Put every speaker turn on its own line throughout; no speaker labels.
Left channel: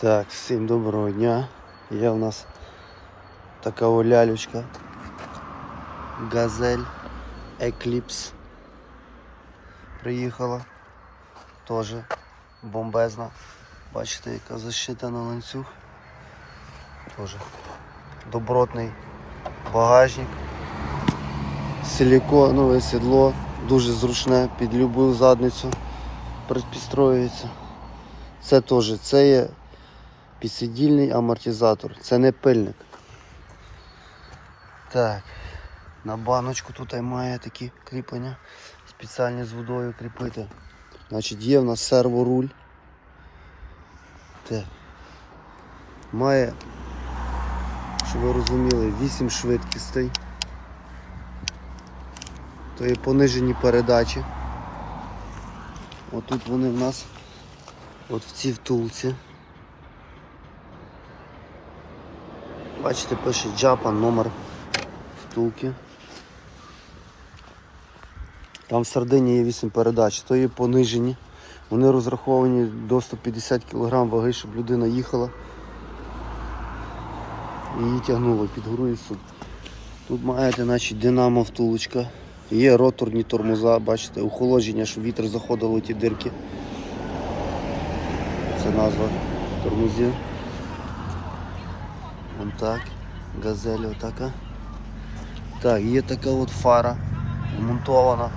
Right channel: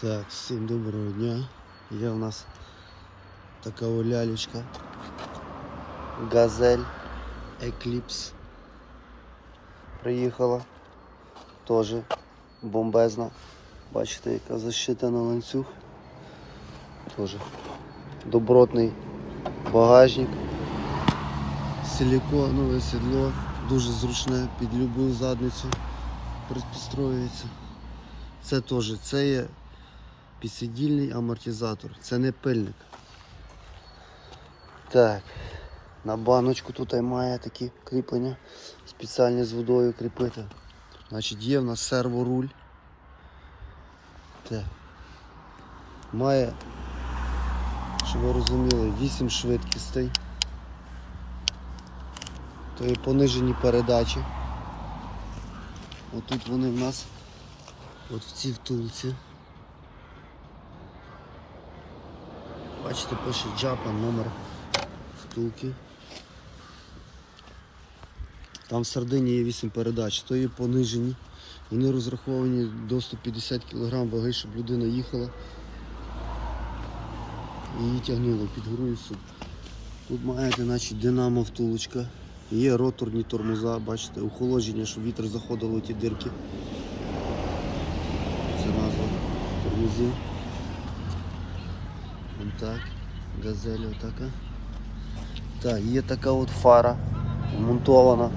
Так, всім доброго дня. Є у нас така лялючка. Газель Eclipse. Приїхала. Теж бомбезна. Бачите, яка защита на ланцюг. Теж добротний багажник. Силіконове сідло, дуже зручне, під любу задницю підстроюється. Це теж, це є підсидільний амортизатор, це не пильник. Так, на баночку тут має такі кріплення, спеціальні з водою кріпити. Значить, є в нас серворуль. Так. Має, щоб ви розуміли, 8 швидкостей. То є понижені передачі. Отут вони в нас от в цій втулці. Бачите, пише Japan номер втулки. Там в середині є 8 передач, то є понижені. Вони розраховані до 150 кг ваги, щоб людина їхала і її тягнуло під гору і все. Тут маєте значить, динамо втулочка. Є роторні тормоза, бачите, охолодження, щоб вітер заходило у ті дирки. Це назва тормозів. Вон так. Газель отака. Так, є така от фара вмонтована.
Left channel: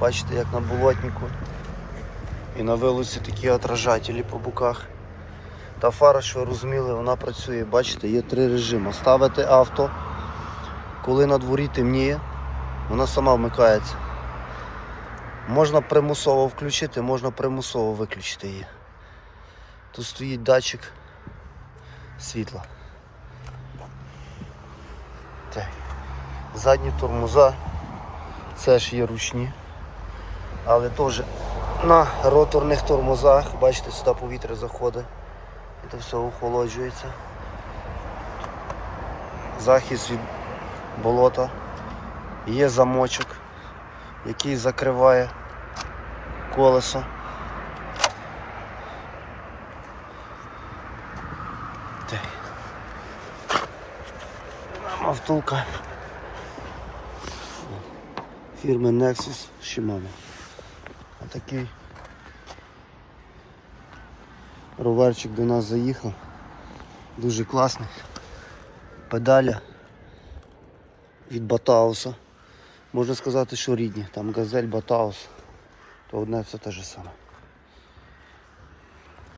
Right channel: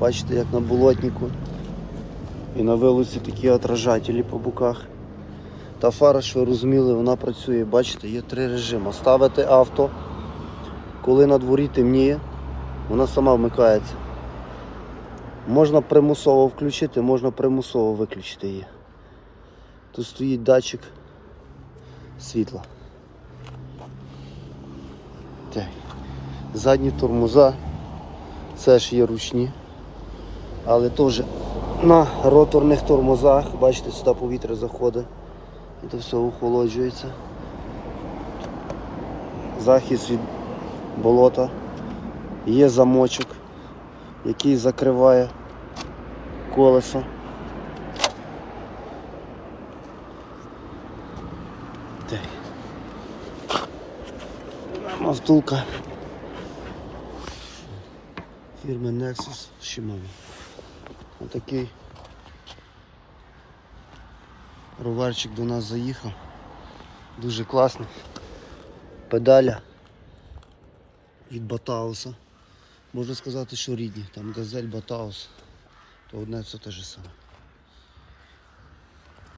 Бачите, як на болотнику. І на вилиці такі отражателі по боках. Та фара, що ви розуміли, вона працює. Бачите, є три режими. Ставити авто, коли на дворі темніє, вона сама вмикається. Можна примусово включити, можна примусово виключити її. Тут стоїть датчик світла. Так. Задні тормоза, це ж є ручні, але теж на роторних тормозах, бачите, сюди повітря заходить і це все охолоджується. Захист від болота. Є замочок, який закриває колесо. Так. Втулка фірми Nexus Shimano. Отакий роверчик до нас заїхав. Дуже класний. Педаля від Батауса. Можна сказати, що рідні. Там газель Батаус, то одне все те ж саме.